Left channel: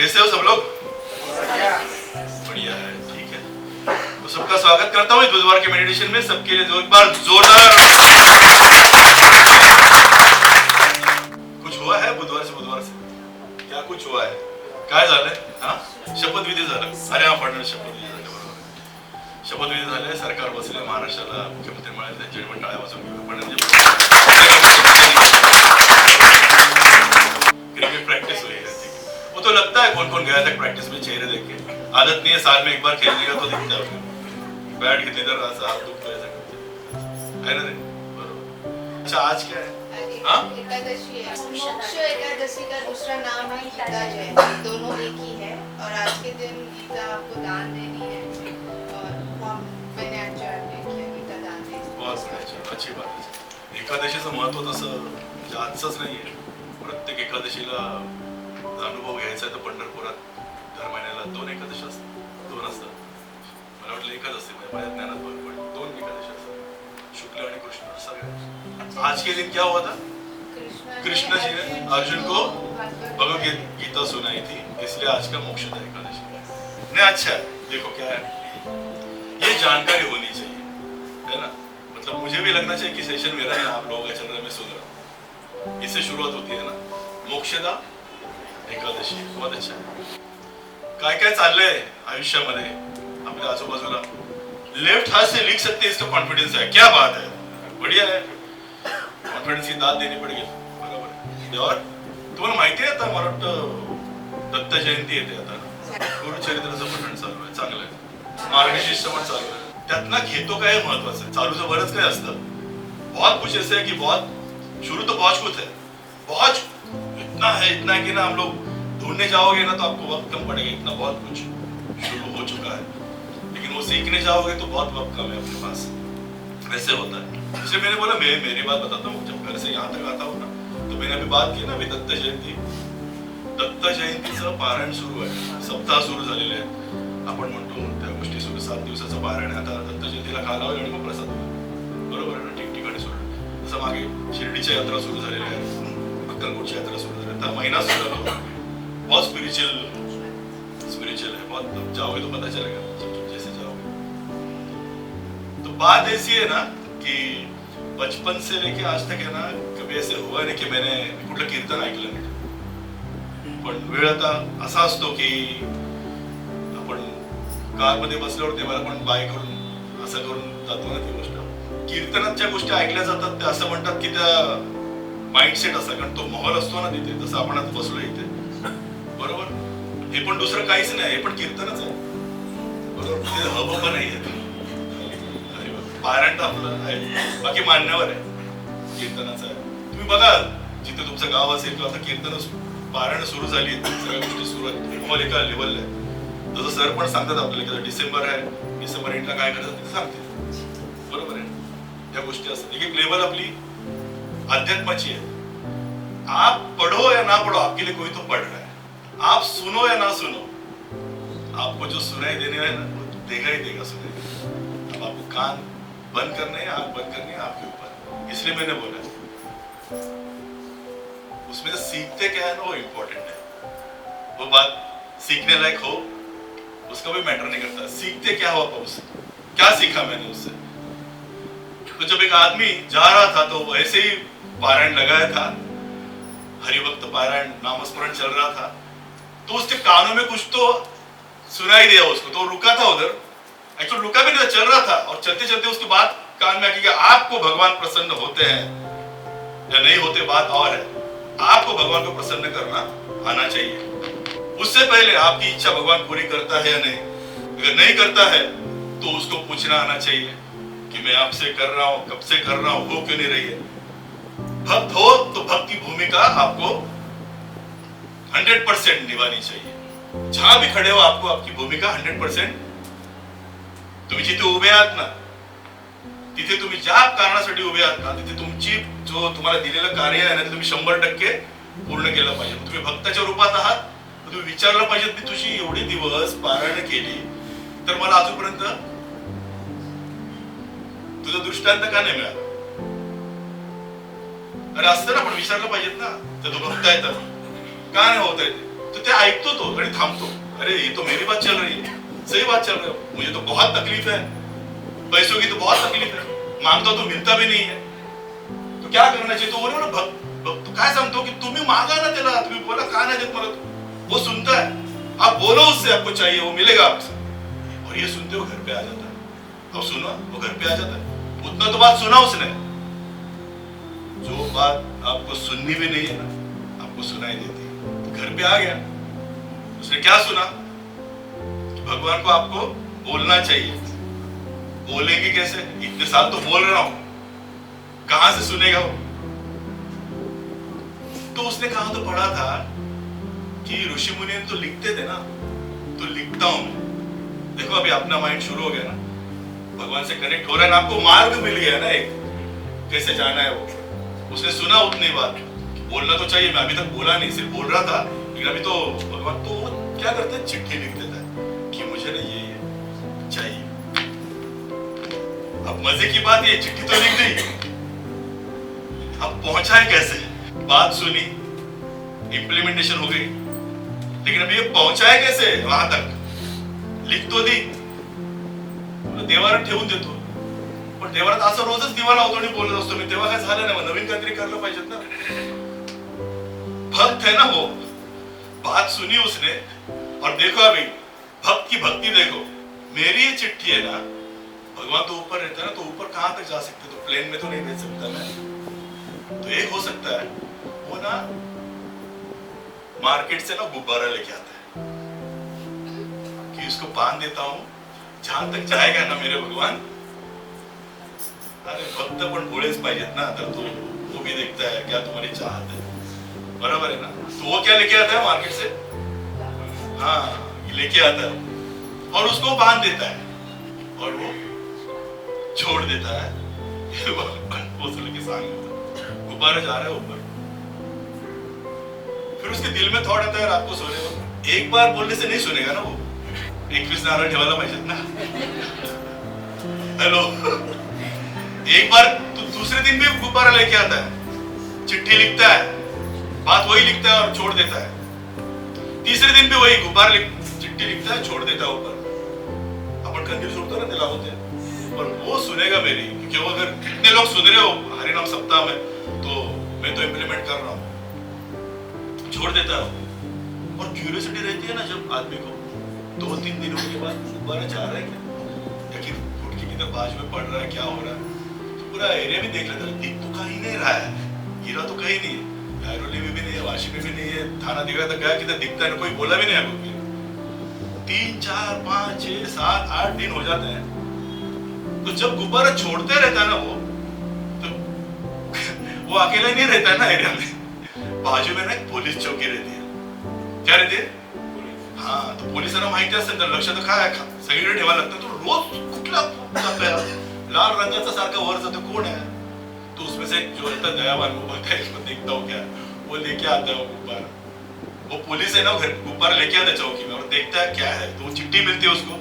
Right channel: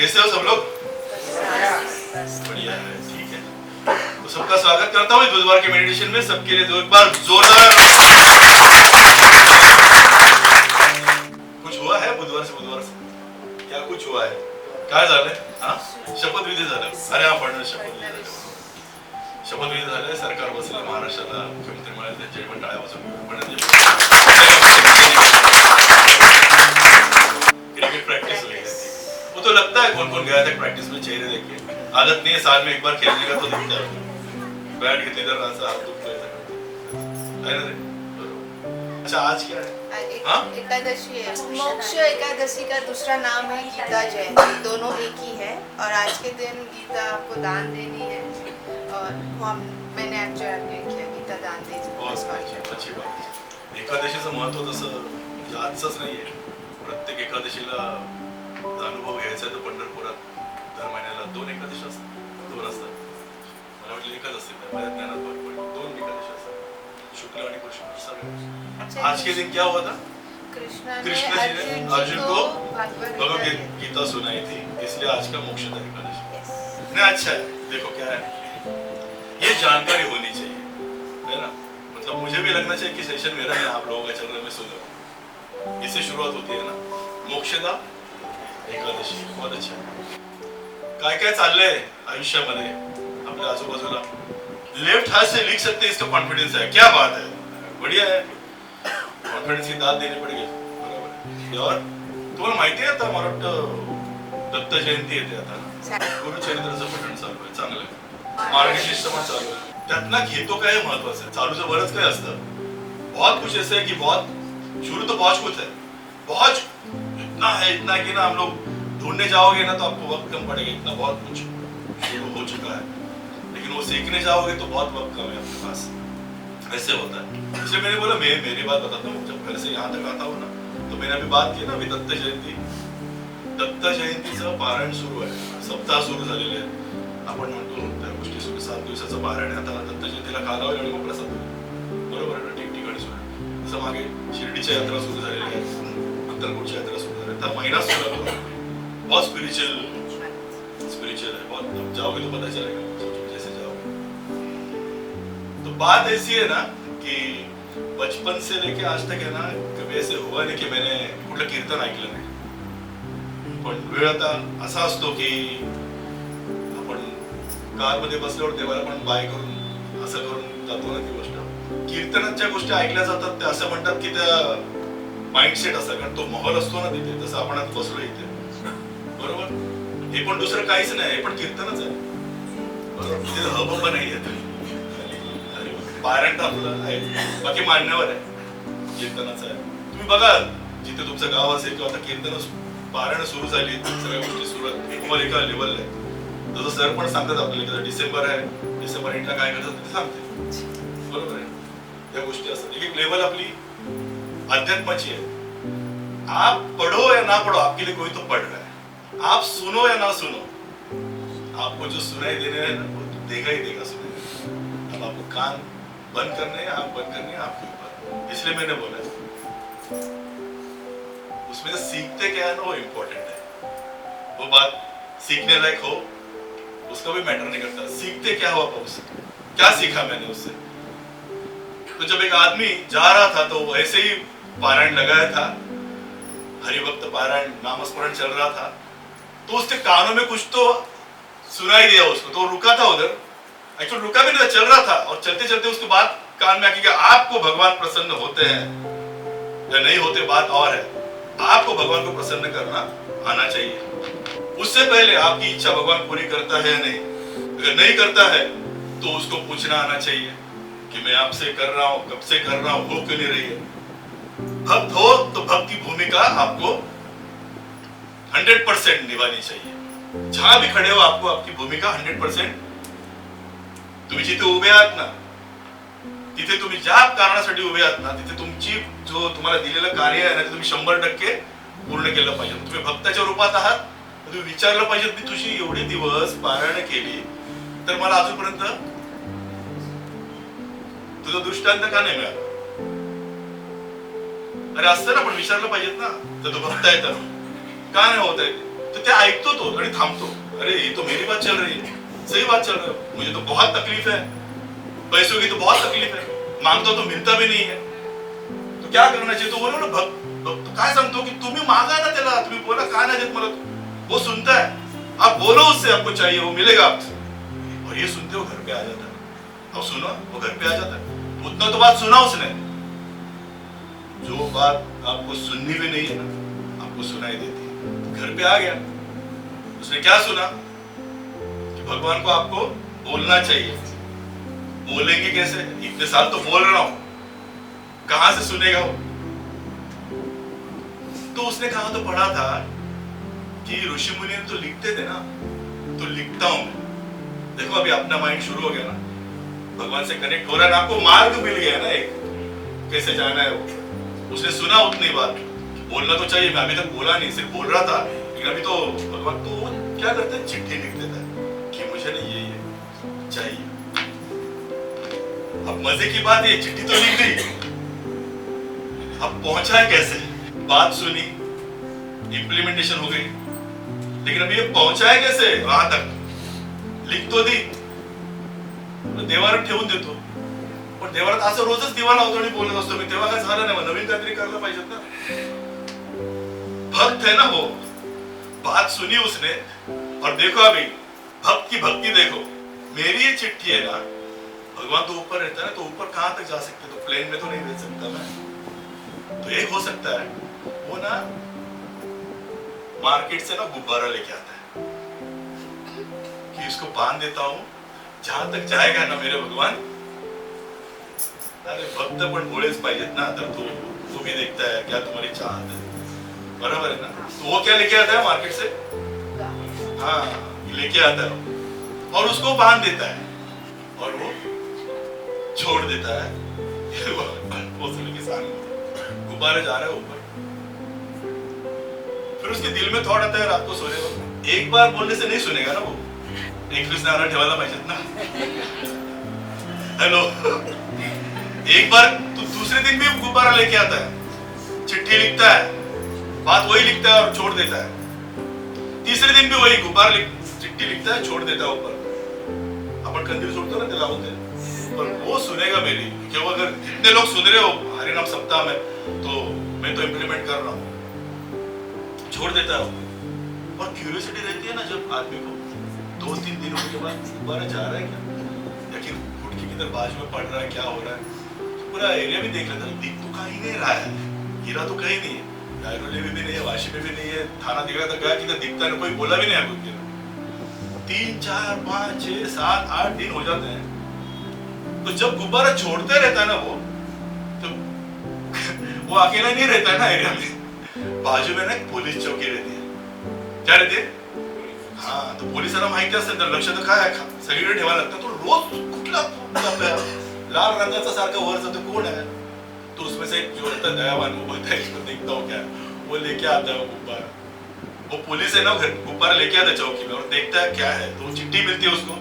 कैसे हो सब लोग? बढ़िया है, ठीक है। तो सबका स्वागत करता हूँ बुधवार के मेडिटेशन में। सबके लिए एक बार जोरदार। कुछ हुआ है बुधवार से क्या कुछ हुआ है? काय झालंय? हा, शपथविधी झाला. अरे हा, फडणवीस शपथविधी झाले. शपथविधी झाले, सरकार बसले, महाराष्ट्राला मुख्यमंत्री मिळाले, त्यांच्या पण टाळ्या वाजवून क्रिकेट प्रैक्टिस हुई है। वो तो लगता है कौन कौन गया था प्रैक्टिस में, चेहरे देख के। आदत नहीं है, साल में एक बार खेलने का तो दिखता है। बैट घेतले तर असं दुख है ना रे? बरोबर. अच्छा, आज क्या है? एकादशी है। मोक्ष एकादशी का दूसरा नाम है गीता जयंती। दोनों एक ही है और आज के दिन गीता आपको दान देनी है और मैंने आज गीता दान दी। अच्छी बात. एकादशीचं महत्व तसं आजच नाहीये. प्रत्येक एकादशीला अनुभव घ्यायचा तर पंढरपुरात दर महिन्याला 2 एकादशी असतात. 2 असतात. मला वाटलं एकच असतील, माझ्या ज्ञानात भर पडली. 2 एकादशी असतात, शुक्ल आणि कृष्ण. आज के दिन क्या हुआ था? कृष्ण जी ने अर्जुन को भगवद गीता सुनाई थी, इसलिए आज का मोक्षदा एकादशी. नहीं, अच्छा है. देखो क्या है, ये जानकारी होनी चाहिए, है ना? मतलब मुझे भी लगना चाहिए कि सेशन मेरा है, आप लोगों का चल रहा है, मैं सुन रहा हूँ. इससे शुरुआत होती है ना, मोक्षदा एकादशी. बहुत अच्छा है. काय काय चाललंय आयुष्यामध्ये आपल्या आजूबाजूला. लेफ्ट हाथ से लिख सकते हैं, इसका कॉन्फिडेंस है. क्या बात है, बढ़िया है. कॉन्फिडेंस की दाद देनी पडेल. बरोबर. और तुम्हाला माहिती आहे, आता मला वाटतं दत्त जयंती येते आता. गुरुचरित्राचं पठण चालू आहे, चांगलं आहे. मार्गशीर्ष शिष्टमन चालू आहे. त्यातनं घेतो काय महत्वाचं आहे. चालूचं बरंच काय असतं. बहुत कुछ ऐसे है कि बहुत शुरू तो बहुत कुछ है, बहुत इतना है कि ना हम लोग ढूंढने जाओगे ना तो आपको वक्त कम पड़ेगा. इतना बहुत कुछ शुरू हो चुका है, लेकिन वो सीखने जाओगे तो बहुत वक्त कम है अपने पास. ऐसे होता है. इसलिए मैंने बोला मेरी बात बताता हूँ. जब घर से यहाँ तक आता हूँ ना, तो मैंने अभी बात की ना, अभी दत्त जयंतीचं पारायण सुरू आहे, सप्ताह सुरू झालेले आहे. आपण म्हणतो त्या गोष्टी सुरू 7 दिवसाचं पारायण. आता दत्त जयंतीला कालावधी आणि मग प्रसाद, बरोबर आहे ना? ठिकठिकाणी सुरू. असं मागे शिर्डीच्या यात्रा सुरू झालेली आहे, अक्कलकोटची यात्रा सुरू झाली. आता महिना सुरू झाला. बहुत स्पिरिचुअल है, बहुत. जाओगे तो पता चलेगा जैसे जाओगे. तो बात ऐसी है ना कि बचपन से लेके आज तक है ना, कभी ऐसे हुआ नाही की मैंने कुठलं कीर्तन ऐकलं नाही. पण वेळ आता असा असतो की आपण कारमध्ये बसल्यावर देवाला पण बाय करून असं करून जातो ना. ती गोष्ट कीर्तनाच्या गोष्टी ऐकल्या जातात, ते असं म्हणतात की त्या माइंडसेट असतात, कारण तो माहोल असतो ना तिथे. तसं आपण आज बसलो इथे, बरोबर. हे पण दुसरं काहीच नाही, हे पण कीर्तनच आहे, बरोबर. तिथे हब नाही आहे. पारायण तर आपलं आहे, बाकी मान्यवर आहे, कीर्तनाचं आहे. तुम्ही बघा जिथे तुमचं गाव असेल किंवा आता कीर्तन पारायण सुरू झाली, सगळ्या गोष्टी सुरू आहेत, तुम्हाला एका लेवलला आहे. जसं सर पण सांगतात आपल्याला, डिसेंबर आहे, डिसेंबर एंडला काय करतात ते सांगते, बरोबर आहे. त्या गोष्टी असतात. एक लेवल आपली अध्यात्माची है. आप पढ़ो या ना पढ़ो, आपके लिए कोई तो पढ़ रहा है. आप सुनो या ना सुनो, आपको जो सुनाई देने है ना, वो देगा ही देगा सुनाई. अब आपको कान बंद करने हैं, आंख बंद करनी है आपके ऊपर. इसलिए मैंने बोला उसमें सीखते क्या है ना, वो इम्पोर्टेंट है. वो बात सीखने लायक हो, उसका भी मैटर नहीं करता. सीखते क्या हो आप उससे, क्या सीखा मैंने उससे. तो जब एक आदमी जा रहा था तो ऐसे ही पारायण लगाया था, हरिभक्त पारायण, नामस्मरण चल रहा था, तो उसके कानों में कुछ तो सुनाई दिया उसको. तो रुका था उधर, एक्चुअली रुका भी नहीं था, चल रहा था. और चलते चलते उसके बाद कान में आके, आपको भगवान प्रसन्न होते हैं या नहीं होते बात और है. आपको भगवान को प्रसन्न करना आना चाहिए. उससे पहले आपकी इच्छा भगवान पूरी करता है या नहीं. अगर नहीं करता है तो उसको पूछना आना चाहिए कि मैं आपसे कर रहा हूं, कब से कर रहा हूं, हो क्यों नहीं रही है. भक्त हो तो भक्त की भूमिका आपको 100% निभानी चाहिए. जहां भी खड़े हो आपको आपकी भूमिका 100%. तुम्ही जिथे उभे आहात ना, तिथे तुम्ही ज्या कारणासाठी उभे आहात ना, तिथे तुमची जो तुम्हाला दिलेलं कार्य आहे ना, ते तुम्ही 100% पूर्ण केलं पाहिजे. तुम्ही भक्ताच्या रूपात आहात, तुम्ही विचारलं पाहिजे की तुझी एवढे दिवस पारायण केली तर मला अजूनपर्यंत तुझा दृष्टांत का नाही मिळाला. अरे असतं ना, पण विचारलं पाहिजेत ना. तर तो भक्त आहे तर का नाही होत आहे. तो ते ऐकतो तो आणि थांबतो. अरे ये तो मेरी बात चल रही है, सही बात चल रही है, मुझे तो बहुत तकलीफ है, पैसों की तो बहुत तकलीफ है, मांगतो तो मिलता भी नहीं है, तो क्या करना चाहिए. तो बोलो ना तो काय सांगतो की तुम्ही मागा ना त्याला, तुम्ही बोला का नाही देत मला, वो सुनता है. आप बोलो उससे आपको चाहिए, वो मिलेगा आपसे. और ये सुनते हो घर पे आ जाता है. अब सुनो, वो घर पे आ जाता है. उतना तो बात सुना उसने, जो बात आपको सुननी भी नहीं है ना, आपको सुनाई देती है. घर पे आ गया, उसने क्या सुना कि भगवान को आपको बोलना चाहिए. बोलेंगे कैसे, इतने साल तो बोल रहा हूं, कहां से सुनेगा वो. तो उसने कहा तो पढ़ा था कि ऋषि मुनि तो लिखते थे ना, तो लिखता हूं मैं. देखो अभी अपना माइंड शुरू हो गया ना, भगवान से कनेक्ट हो रहा है ना, आपको मार्ग मिल गया ना एक, कैसे जाना है वो. उसने सुना उतनी बात, बोलना तो चाहिए, मैं अभी तक बोला नहीं, सिर्फ बोल रहा था. लेकिन अभी तो भगवान तो क्या करते हैं, चिट्ठी लिख देता है कि मुझे नहीं ये चाहिए. अब मजे की बात है, चिट्ठी तो लिख गई, अब पहुंचाए कैसे. बात सुनी, इंप्लीमेंटेशन हो गई, लेकिन अभी ये पहुंचाए कैसे वहां तक. लिख तो दी, देवारात ठेवून देतो, पण देवारात असं रोजच दिवा लावतो आणि बोलत असतो मी, तेव्हा काय झालं नाही, नवीन काहीतरी करायला पाहिजेत ना. भक्त है ना वो, बात सुनी उसने. और देखो अभी भक्त की भक्ति देखो. मेरी ये चिट्ठी है ना, भगवान तो ऊपर रहता है ना, तो ऊपर कहां तक जा सकते, तो प्लेन में तो नहीं भेज सकता मैं. तो एक हो सकता है वो ना मार्केट से ना गुब्बारा लेके आता है कि इसको बांध देता हूं, जहां तक जाएगा ना मेरे भगवान. अरे भक्त पण भोळेच पाहिजेत ना, तर तो भी देखता है क्या तुम्हारी चाहत है, बराबर है ना. तो वो क्या लेके आता है मार्केट से, हाँ लेके आता है और उसको बांध देता है और वो छोड़ देता है. वो किसान गुब्बारा जा रहा है ऊपर. फिर उसके दिल में थॉट आता है रात को सोने वक्त, एक बार बोलने से नहीं सुनेगा ना वो, 21 नारा ठेवायला पाहिजेत ना. हेलो, एक बार तो दूसरे दिन भी गुब्बारा लेके आता है, चिट्ठी लिखता है, बात वही लिखता है और छोड़ देता है. तीसरे दिन भी वही गुब्बारा चिट्ठी लिखता है, छोड़ देता है ऊपर. अपन कंदील छोड़ते ना, जलाते, पर वो सुनेगा मेरी, क्यों. अगर कितने लोग सुन रहे हो हरिनाम सप्ताह में, तो मैं तो इम्प्लीमेंट कर रहा हूँ. छोड़ देता है. और क्यूरियोसिटी रहती है ना जब आदमी को, 2-3 दिनों के बाद गुब्बारा जा रहा है क्या, या कि फुटकी किधर बाज में पड़ रहा है, क्या हो रहा है. तो पूरा एरिया भी देख लेता है, दिख तो कहीं नहीं रहा है, गिरा तो कहीं नहीं है, गायरोली में भी नहीं है, वाशी में भी नहीं है, थाना दिखा तक गया किधर दिखता है, कोई बोला भी नहीं है. 3, 4, 5, 6, 7, 8 दिन हो जाते हैं. तो जब गुब्बारा छोड़ते रहता है ना वो अकेला नहीं रहता है ना एरिया में. बाजू में ना एक पोलीस चौकी रहती है. क्या रहती है, हाँ. तो पोलिसांना माहिती असतं तर लक्ष तर काय सगळीकडे ठेवायला लागतं. तो रोज कुठला लाल रंगाचा सारखा वर जातो, कोण है. तो उसमें से एक जो रहता है दयावान, वो बोलता है इसको देखता हूँ क्या, वो लेके आता है गुब्बारा. वो पुलिस है ना, गुब्बारा लेके आता है चौकी में और देखता है क्या है. तो वो चिट्ठी मिलती है उसको,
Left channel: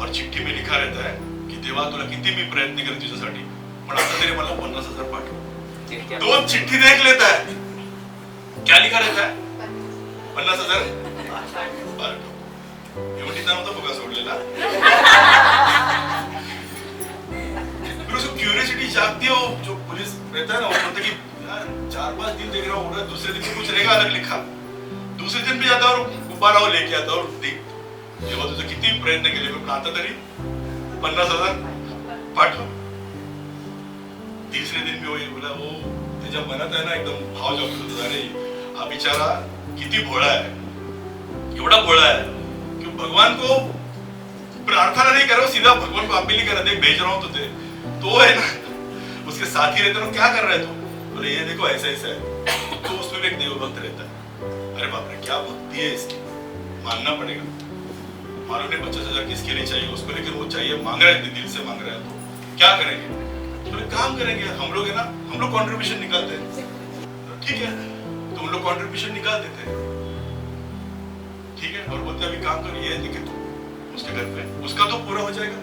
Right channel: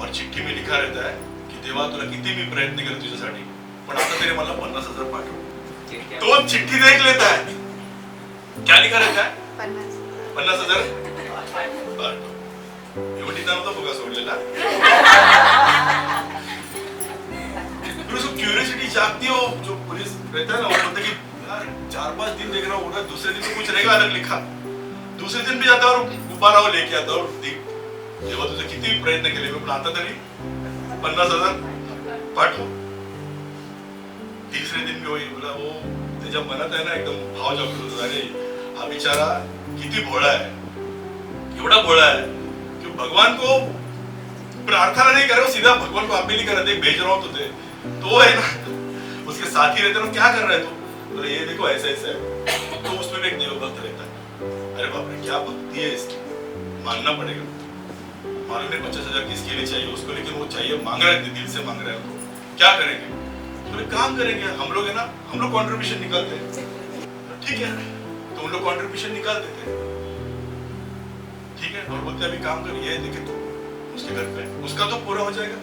और चिट्ठी में लिखा रहता है की देवा तुला किती मी प्रयत्न केले तुझ्यासाठी, पण आता तरी मला 50,000 पाठव. तो चिट्ठी देख लेता है, क्या लिखा रहता है, 50,000 एवढी नव्हता बघा सोडलेला. फिर उसको क्यूरियोसिटी जागती है. जो पुलिस रहता है ना, वो बोलता है कि यार 4-5 दिन देख रहा हूँ, दूसरे दिन तो कुछ रहेगा अलग लिखा. दूसरे दिन भी जाता और गुब्बारा वो लेके आता और तेव्हा तुझे किती प्रयत्न केले, मी आता तरी 50,000 पाठव. तीसरे दिन भी वही बोला. वो त्याच्या मनात आहे ना एकदम भाव जागतो, अरे हा बिचारा किती भोळा है, एवढा भोळा है कि भगवान को प्रार्थना नहीं कर रहा, सीधा भगवान को अपील ही कर रहा है, भेज रहा हूं तुझे. तो है ना उसके साथी रहते ना, क्या कर रहा है तू, बोले ये देखो ऐसा ऐसा है. तो उसमें भी एक देवभक्त रहता है. अरे बाप रे क्या भक्ति है इसकी, मानना पड़ेगा. मालूम नहीं 50,000 किसके लिए चाहिए उसको, लेकिन वो चाहिए, मांग रहा है, दिल से मांग रहा है. तो क्या करेंगे, तो एक काम करेंगे हम लोग, है ना, हम लोग कंट्रीब्यूशन निकालते हैं. ठीक है, तो उन लोग कंट्रीब्यूशन निकाल देते हैं. ठीक है, और बोलते अभी काम करिए, देखिए तो उसके घर पे उसका तो पूरा हो जाएगा,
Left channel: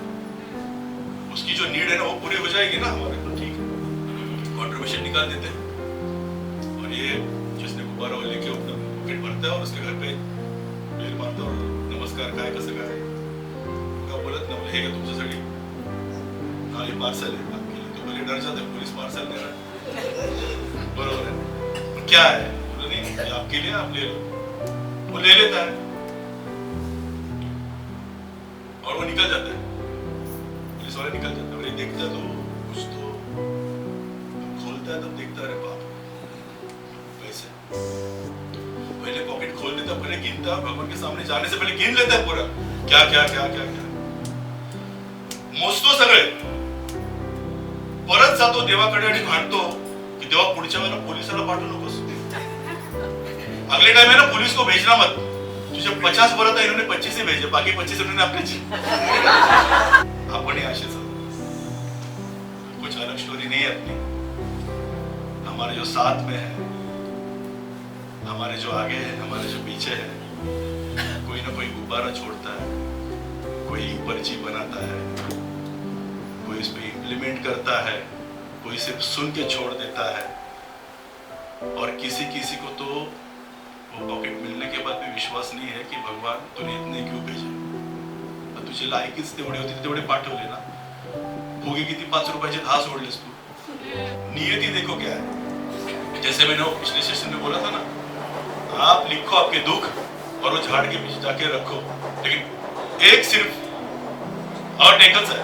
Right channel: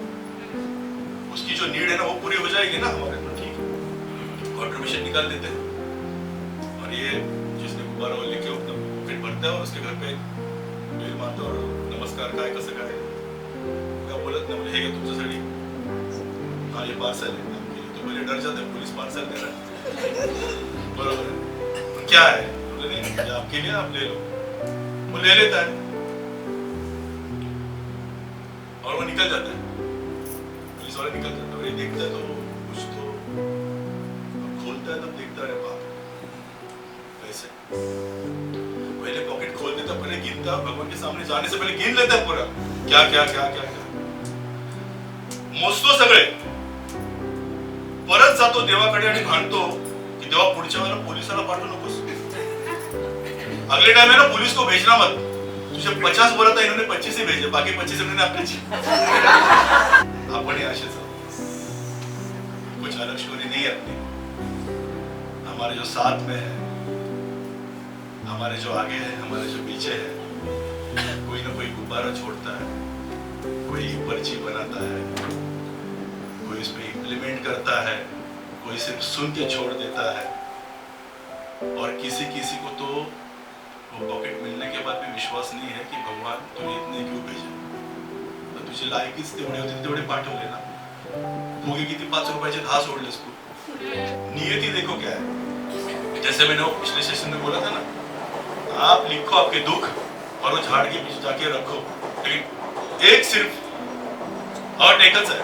उसकी जो नीड है ना वो पूरी हो जाएगी ना हमारे. तो ठीक है, कंट्रीब्यूशन निकाल देते हैं. और ये जिसने गुब्बारा वो लेके फिर भरता है और उसके घर काही वेळ मातावर नमस्कार काय कसं काय का बोलत नाही हे घ्या तुमच्यासाठी हाँ ये पार्सल है आपके लिए तो मुझे डर जाता है पुलिस पार्सल दे रहा है बरोबर है तो क्या है बोले नहीं ये आपके लिए आप ले लो वो ले लेता है और वो निकल जाता है पुलिस वाला निकल जाता है और ये देखता है तो कुछ तो खोलता है तब देखता है बाप कैसे पहले पॉकेट खोल देता पहले गिनता भगवान के सामने जाने से पहले गिन लेता है पूरा क्या क्या क्या क्या मोजतो सगळे परत जातो देवाकडे आणि भांडतो कि देवा पुढच्या वेळेला पोलिसाला पाठवू नकोस अगले टाइम है ना पुलिस को भेजना मत तुझे 50 बोला था इन्होंने 25 ही भेजे बाकी 25 इन्होंने अपने जी आपण ही आशेच कुछ अलग स्टोरी नहीं है अपनी हमारे जो साथ में है हमारे जो आगे है हमारे जो पीछे है कोई ना कोई गुब्बारा छोड़ता है कोई पर्ची बनाता है कोई इसमें इम्प्लीमेंट करता है कोई सिर्फ सुन के छोड़ देता है और किसी किसी को तो वो पॉकेट मिलने के बाद भी विश्वास नहीं है कि भगवान तूने इतने क्यों भेजे तर तुझी लायकीच तेवढे होते तेवढे पाठवले ना भोगी किती 5 रुपयाचे 10 सोडलेस तू नियति देखो क्या है जैसे मैंने पिछले सेशन में बोला था ना आप लिखो आपके दुख और वो झाड़ के पीछे जाके रखो लेकिन एक सिर्फ और टेकल्स है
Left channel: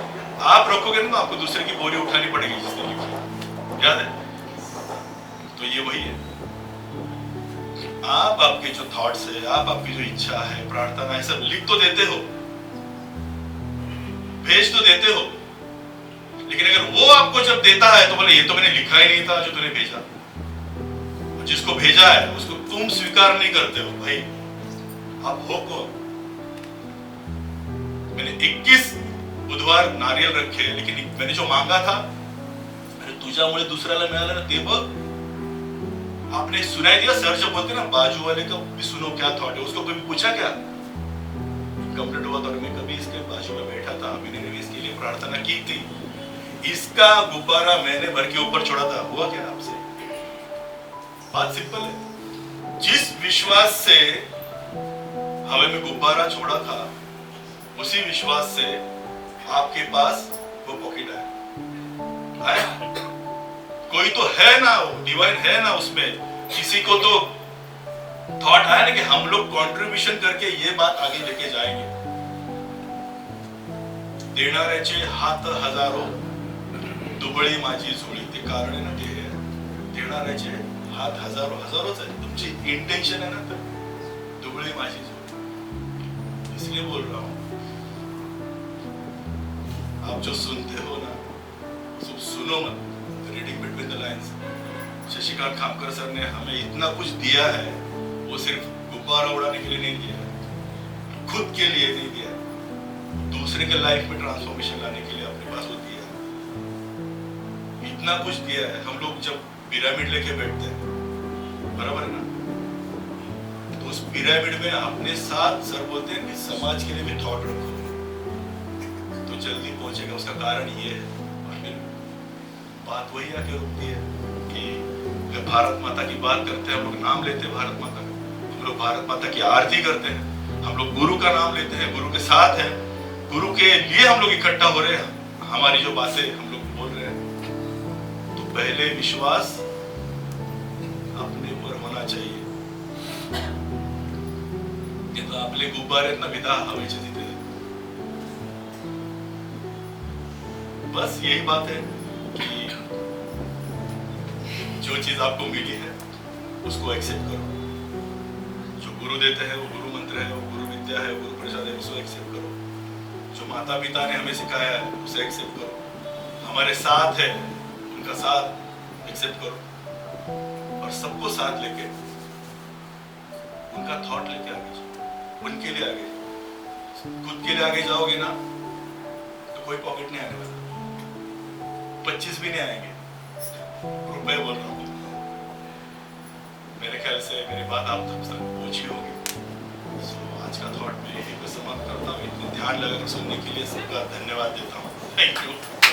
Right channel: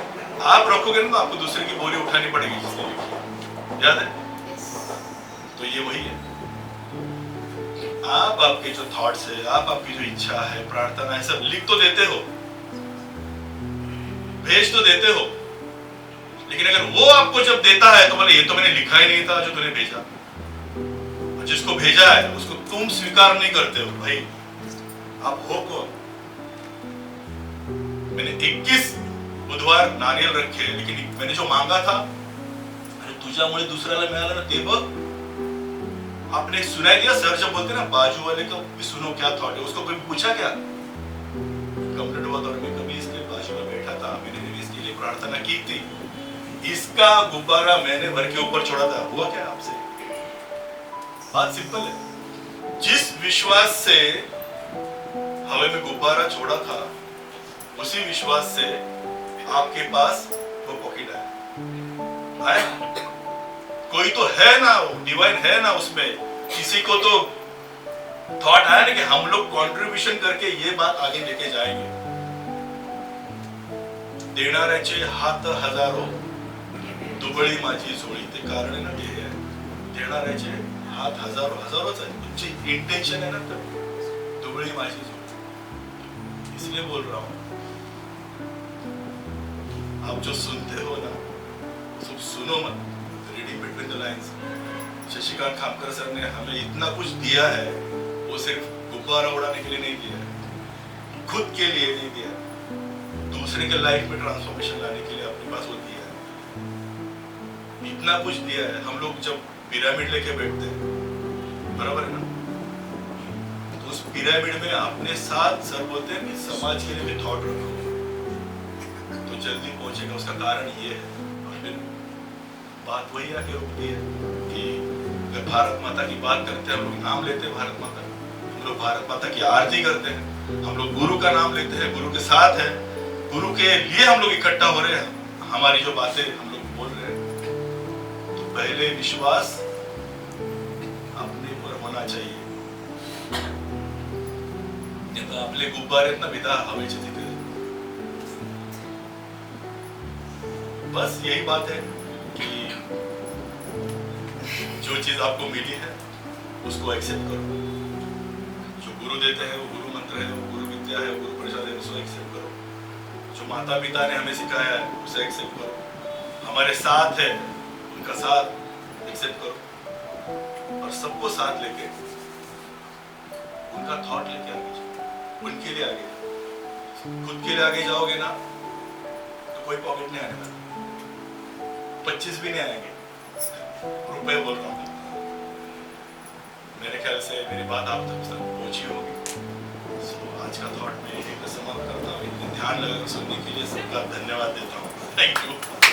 आप रखोगे ना आपको दूसरे की बोरी उठानी पड़ेगी जिसने लिखी याद है तो ये वही है आप आपके जो थॉट्स है आप आपकी जो इच्छा है प्रार्थना है सब लिख तो देते हो भेज तो देते हो लेकिन अगर वो आपको जब देता है तो बोले ये तो मैंने लिखा ही नहीं था जो तूने भेजा जिसको भेजा है उसको तुम स्वीकार नहीं करते हो भाई आप हो कौन मैंने 21 बुधवार नारियल रखे लेकिन मैंने जो मांगा था अरे तुझ्यामुळे दुसऱ्याला मिळालं ना ते बघ आपने सुनाई दिया सर जब बोलते ना बाजू वाले को सुनो क्या थॉट है उसको कभी पूछा क्या कंप्लीट हुआ तो मैं कभी इसके बाजू में बैठा था मैंने इसके लिए प्रार्थना की थी इसका गुब्बारा मैंने भर के ऊपर छोड़ा था हुआ क्या आपसे बात सिंपल है जिस विश्वास से हवा में गुब्बारा छोड़ा था उसी विश्वास से आपके पास वो पॉकेट आया कोई तो है ना डिवाइन है ना उसमें किसी को तो थॉट आया ना कि हम लोग कंट्रीब्यूशन करके ये बात आगे लेके जाएंगे देणाऱ्याचे हात हजारो दुबळी माझी झोळी ते कारण आहे ना ते देणाऱ्याचे हात हजारो हजारोच आहे तुमची इंटेंशन है ना दुबळी माझी झोळी इसलिए बोल रहा हूं आप जो सुनते हो ना सब सुनो मत reading between the lines Shashikant Khamkar sir ने हमें इतना कुछ दिया है वो सिर्फ गुब्बारा उड़ाने के लिए नहीं दिया खुद के लिए नहीं दिया दूसरे के लाइफ में ट्रांसफॉर्मेशन लाने के लिए अपने पास वो दिया इतना कुछ दिया है हम लोग जब पिरामिड लेके बैठते हैं बराबर है ना तो उस पिरामिड में अपने साथ सर बोलते हैं कि समाज के लिए भी थॉट रखो तो जल्दी पहुंचेगा उसका कारण ये है बात वही आके रुकती है कि भारत माता की बात करते हैं हम लोग नाम लेते हैं भारत माता हम लोग भारत माता की आरती करते हैं हम लोग गुरु का नाम लेते हैं गुरु के साथ है गुरु के लिए हम लोग इकट्ठा हो रहे हैं हमारी जो बातें हम लोग बोल रहे हैं तो पहले विश्वास अपने पर होना चाहिए तो आपले गुब्बारे ना विदा हवेचे तिथे बस यही बात है कि जो चीज आपको मिली है उसको एक्सेप्ट करो जो गुरु देते हैं वो गुरु मंत्र है वो गुरु विद्या है गुरु प्रसाद है उसको एक्सेप्ट करो जो माता पिता ने हमें सिखाया है उसे एक्सेप्ट करो हमारे साथ है उनका साथ एक्सेप्ट करो और सबको साथ लेके उनका थॉट लेके आगे जाओ उनके लिए आगे खुद के लिए आगे जाओगे ना तो कोई पॉकेट नहीं आएगा 25 भी नहीं आएंगे रुपए बोल रहा हूँ मेरे ख्याल से मेरी बात आप तक पहुंची होगी आज का थॉट में यही पे समाप्त करता हूँ इतना ध्यान लगा सुनने के लिए सबका धन्यवाद देता हूँ थैंक यू